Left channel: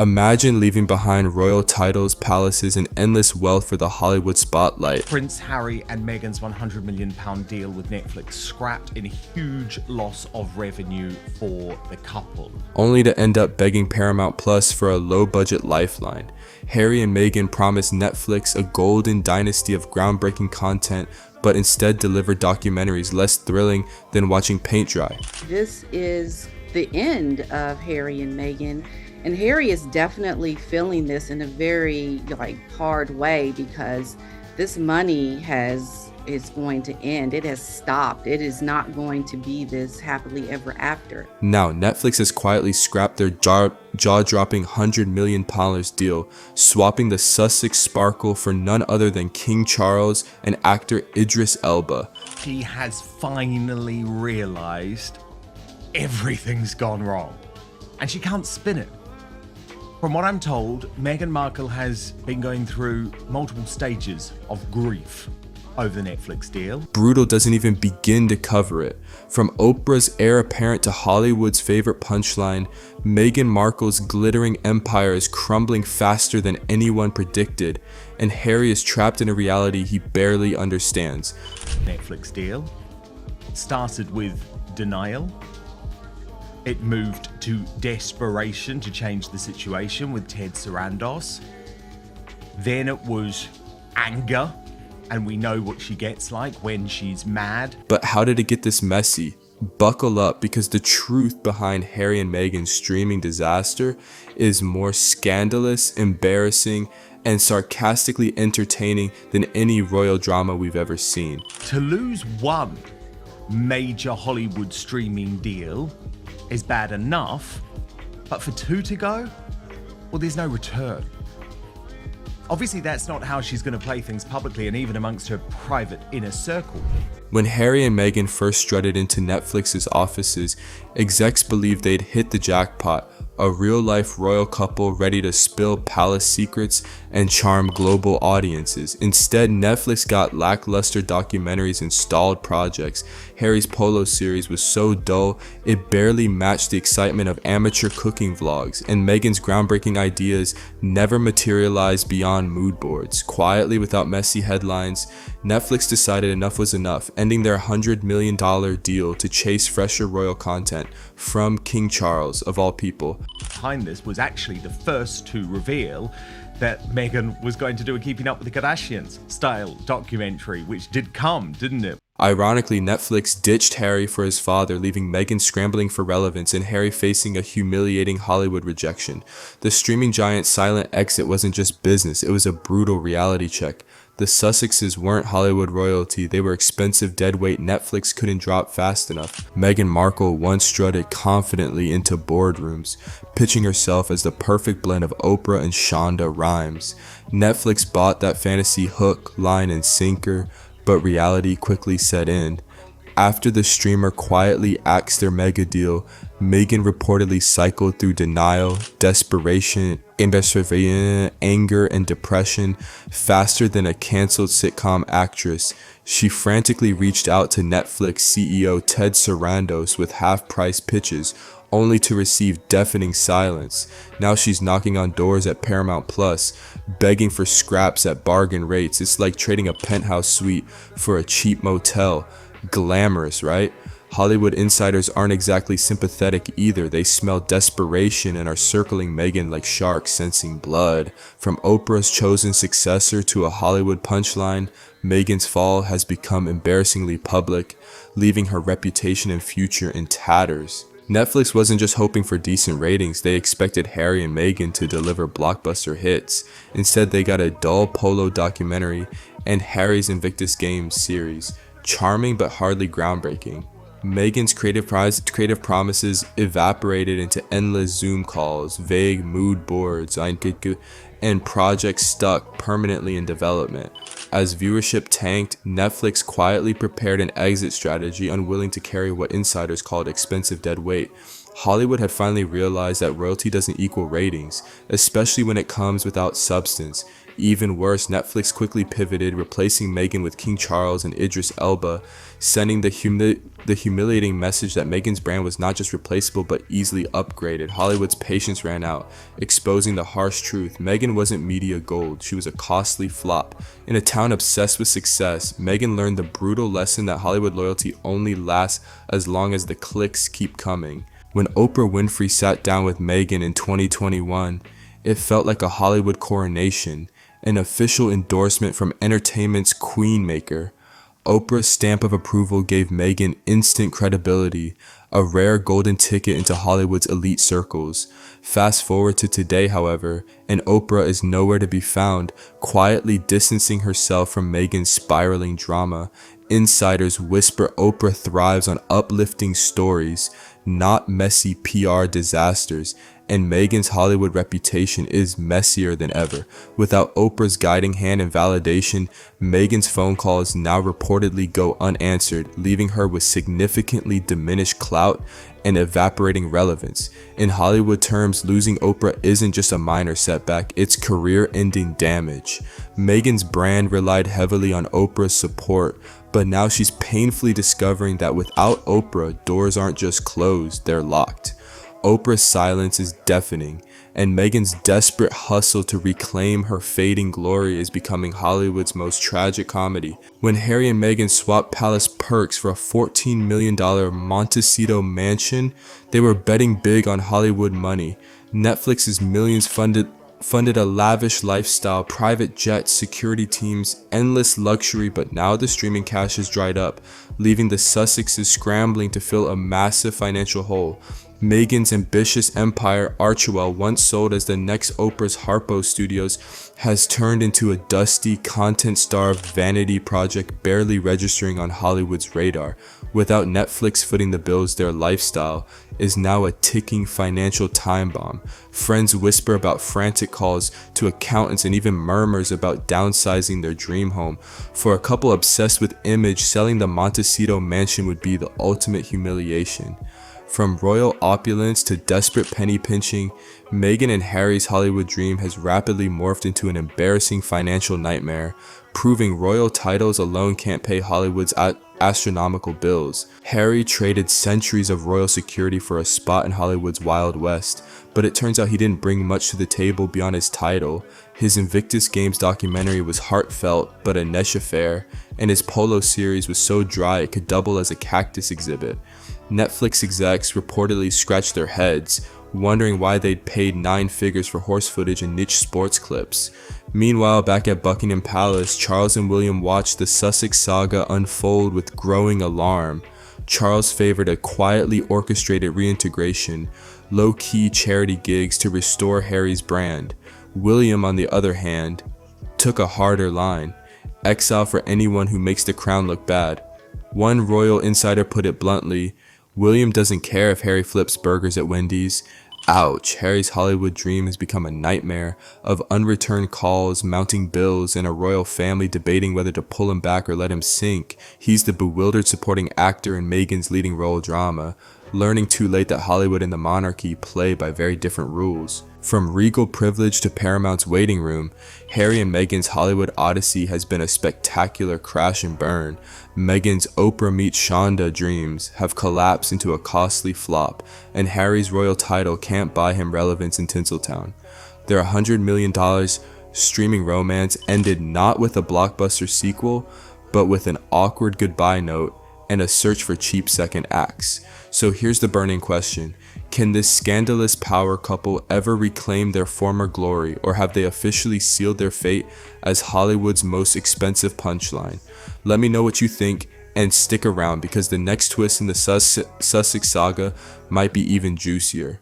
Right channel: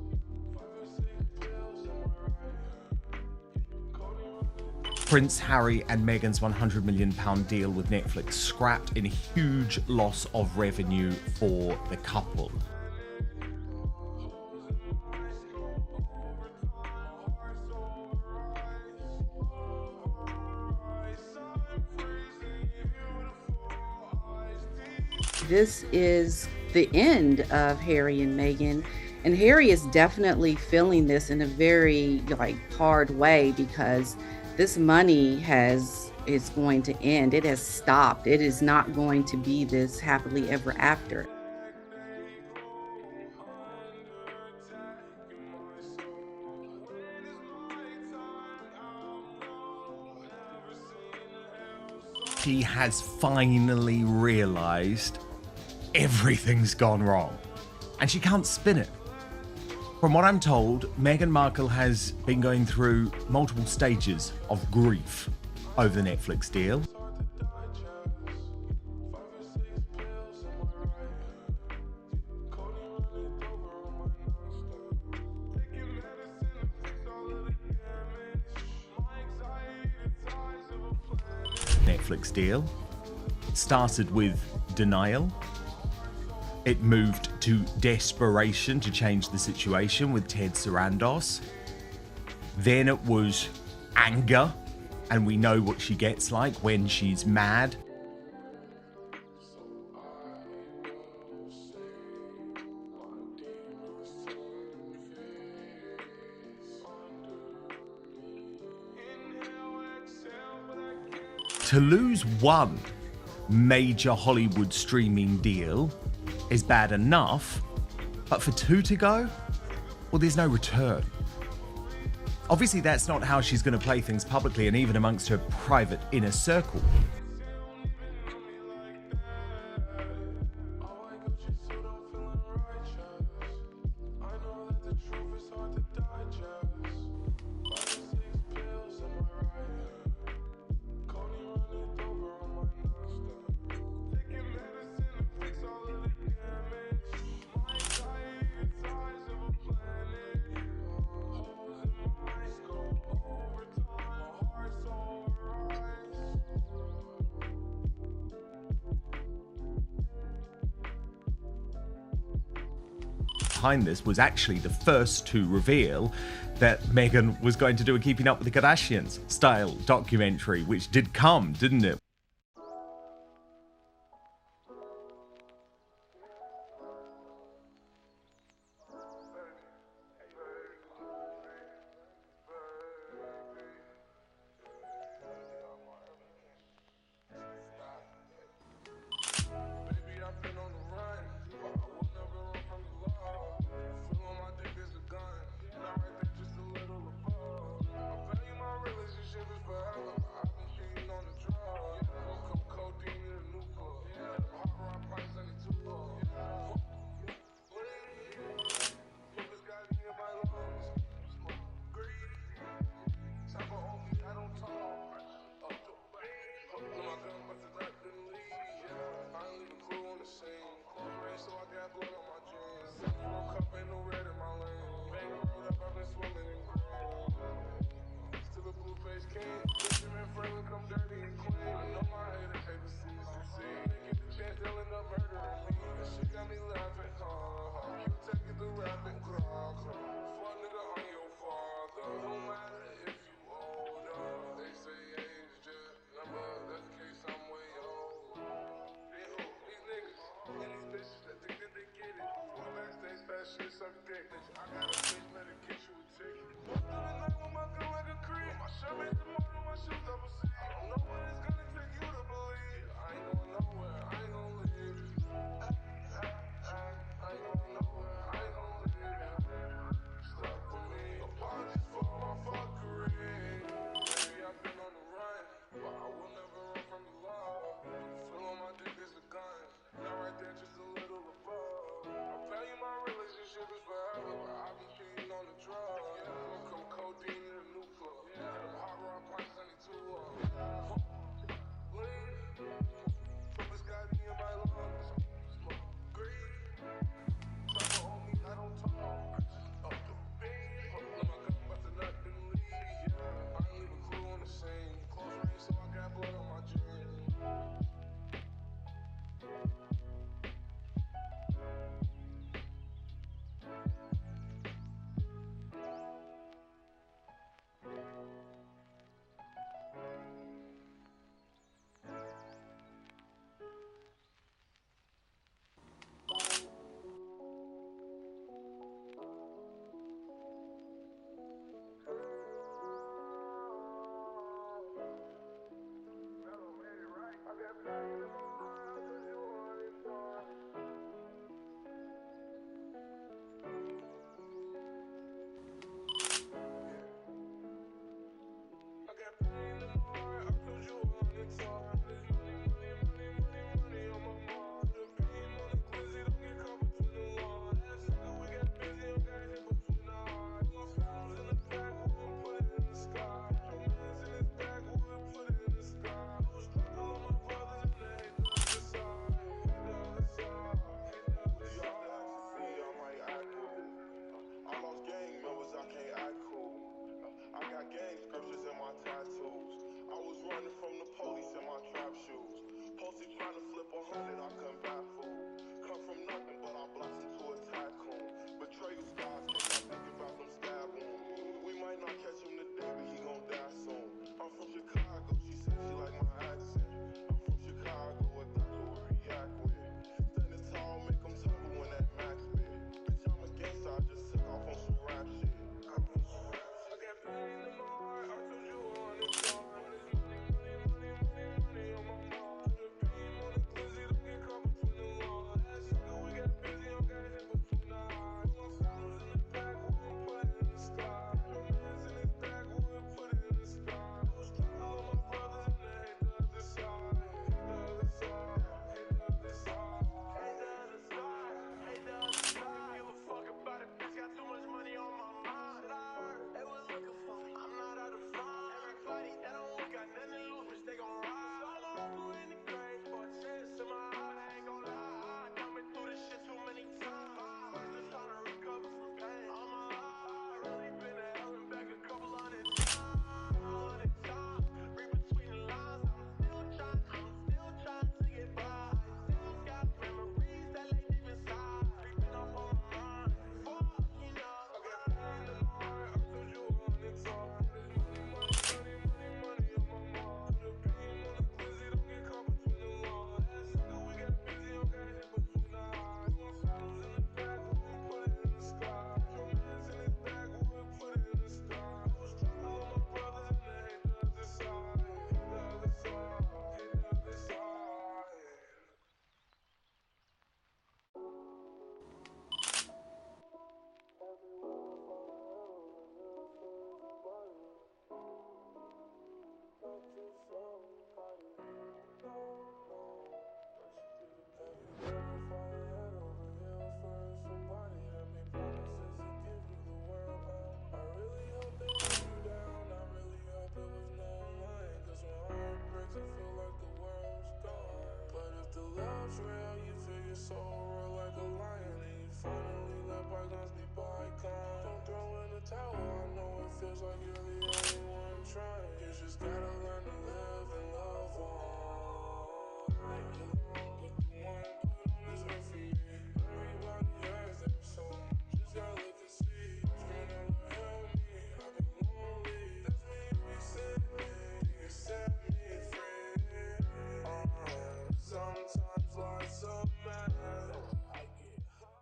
Imagine leaving behind royal titles, palaces, and endless wealth for the Hollywood spotlight. Prince Harry and Meghan's £100 million deal with Netflix scrapped in a huge loss of revenue for the couple. Only to end up begging Paramount Plus for a low-budget lifeline. Harry and Meghan promised Netflix a golden dynasty of groundbreaking content, but instead delivered documentaries less thrilling than watching paint dry. This is the end of Harry and Meghan. And Harry is definitely feeling this in a very hard way, because this money is going to end. It has stopped. It is not going to be this happily ever after. Now, Netflix has quietly scrapped their jaw-dropping £100 million deal, swapping the Sussex sparkle for none other than King Charles and actor Idris Elba. She has finally realized everything's gone wrong, and she can't spin it. From what I'm told, Meghan Markle has been going through multiple stages of grief over the Netflix deal. Brutal doesn't even begin to cover it. From Oprah's heir apparent to Hollywood's favorite punchline, Meghan Markle's glittering empire is crumbling faster than anyone predicted, and Harry is trapped in a reality he barely understands. Netflix deal started with denial. It moved to desperation to change the situation with Ted Sarandos. Then it was anger, and we know what she gets like when she's mad. But how did it get this messy? Buckle up, because the truth behind Harry and Meghan's streaming disaster is more scandalous, embarrassing, and sarcastically entertaining than any royal drama we've ever seen. To lose one major Hollywood streaming deal is bad enough, but for two to go, well, there's no return. Obviously, that's not how she's going to play things publicly and even amongst her private inner circle. When Harry and Meghan first strutted into Netflix's offices, execs believed they'd hit the jackpot, a real-life royal couple ready to spill palace secrets and charm global audiences. Instead, Netflix got lackluster documentaries and stalled projects. Harry's polo series was so dull, it barely matched the excitement of amateur cooking vlogs, and Meghan's groundbreaking ideas never materialized beyond mood boards. Quietly, without messy headlines, Netflix decided enough was enough, ending their $100 million deal to chase fresher royal content from King Charles, of all people. Behind this was actually the first to reveal that Meghan was going to do a Keeping Up with the Kardashians style documentary, which did come, didn't it? Ironically, Netflix ditched Harry for his father, leaving Meghan scrambling for relevance and Harry facing a humiliating Hollywood rejection. The streaming giant's silent exit wasn't just business, it was a brutal reality check. The Sussexes weren't Hollywood royalty, they were expensive deadweight Netflix couldn't drop fast enough. Meghan Markle once strutted confidently into boardrooms, pitching herself as the perfect blend of Oprah and Shonda Rhimes. Netflix bought that fantasy hook, line, and sinker, but reality quickly set in. After the streamer quietly axed their mega deal, Meghan reportedly cycled through denial, desperation, anger, and depression faster than a canceled sitcom actress. She frantically reached out to Netflix CEO Ted Sarandos with half-price pitches, only to receive deafening silence. Now she's knocking on doors at Paramount Plus, begging for scraps at bargain rates. It's like trading a penthouse suite for a cheap motel. Glamorous, right? Hollywood insiders aren't exactly sympathetic either. They smell desperation and are circling Meghan like sharks sensing blood. From Oprah's chosen successor to a Hollywood punchline, Meghan's fall has become embarrassingly public, leaving her reputation and future in tatters. Netflix wasn't just hoping for decent ratings, they expected Harry and Meghan to deliver blockbuster hits. Instead, they got a dull polo documentary and Harry's Invictus Games series. Charming but hardly groundbreaking. Meghan's creative promises evaporated into endless Zoom calls, vague mood boards, and projects stuck permanently in development. As viewership tanked, Netflix quietly prepared an exit strategy, unwilling to carry what insiders called expensive dead weight. Hollywood had finally realized that royalty doesn't equal ratings, especially when it comes without substance. Even worse, Netflix quickly pivoted, replacing Meghan with King Charles and Idris Elba, sending the humiliating message that Meghan's brand was not just replaceable but easily upgraded. Hollywood's patience ran out, exposing the harsh truth. Meghan wasn't media gold, she was a costly flop. In a town obsessed with success, Meghan learned the brutal lesson that Hollywood loyalty only lasts as long as the clicks keep coming. When Oprah Winfrey sat down with Meghan in 2021, it felt like a Hollywood coronation, an official endorsement from entertainment's queenmaker. Oprah's stamp of approval gave Meghan instant credibility, a rare golden ticket into Hollywood's elite circles. Fast forward to today, however, and Oprah is nowhere to be found, quietly distancing herself from Meghan's spiraling drama. Insiders whisper Oprah thrives on uplifting stories, not messy PR disasters, and Meghan's Hollywood reputation is messier than ever. Without Oprah's guiding hand and validation, Meghan's phone calls now reportedly go unanswered, leaving her with significantly diminished clout and evaporating relevance. In Hollywood terms, losing Oprah isn't just a minor setback, it's career-ending damage. Meghan's brand relied heavily on Oprah's support, but now she's painfully discovering that without Oprah, doors aren't just closed, they're locked. Oprah's silence is deafening, and Meghan's desperate hustle to reclaim her fading glory is becoming Hollywood's most tragic comedy. When Harry and Meghan swapped palace perks for a $14 million Montecito mansion, they were betting big on Hollywood money. Netflix's millions funded a lavish lifestyle, private jets, security teams, endless luxury, but now the streaming cash has dried up, leaving the Sussexes scrambling to fill a massive financial hole. Meghan's ambitious empire, Archewell, once sold as the next Oprah's Harpo Studios, has turned into a dusty, content-starved vanity project barely registering on Hollywood's radar. Without Netflix footing the bills, their lifestyle is now a ticking financial time bomb. Friends whisper about frantic calls to accountants and even murmurs about downsizing their dream home. For a couple obsessed with image, selling the Montecito mansion would be the ultimate humiliation. From royal opulence to desperate penny pinching, Meghan and Harry's Hollywood dream has rapidly morphed into an embarrassing financial nightmare, proving royal titles alone can't pay Hollywood's astronomical bills. Harry traded centuries of royal security for a spot in Hollywood's Wild West, but it turns out he didn't bring much to the table beyond his title. His Invictus Games documentary was heartfelt but a niche affair, and his polo series was so dry it could double as a cactus exhibit. Netflix execs reportedly scratched their heads, wondering why they'd paid 9 figures for horse footage and niche sports clips. Meanwhile, back at Buckingham Palace, Charles and William watched the Sussex saga unfold with growing alarm. Charles favored a quietly orchestrated reintegration, low-key charity gigs to restore Harry's brand. William, on the other hand, took a harder line: exile for anyone who makes the crown look bad. One royal insider put it bluntly: William doesn't care if Harry flips burgers at Wendy's. Ouch, Harry's Hollywood dream has become a nightmare of unreturned calls, mounting bills, and a royal family debating whether to pull him back or let him sink. He's the bewildered supporting actor in Meghan's leading role drama, learning too late that Hollywood and the monarchy play by very different rules. From regal privilege to Paramount's waiting room, Harry and Meghan's Hollywood odyssey has been a spectacular crash and burn. Meghan's Oprah meets Shonda dreams have collapsed into a costly flop, and Harry's royal title can't buy him relevance in Tinseltown. Their $100 million streaming romance ended not with a blockbuster sequel, but with an awkward goodbye note and a search for cheap second acts. So here's the burning question: can this scandalous power couple ever reclaim their former glory, or have they officially sealed their fate as Hollywood's most expensive punchline? Let me know what you think, and stick around because the next twist in the Sussex saga might be even juicier.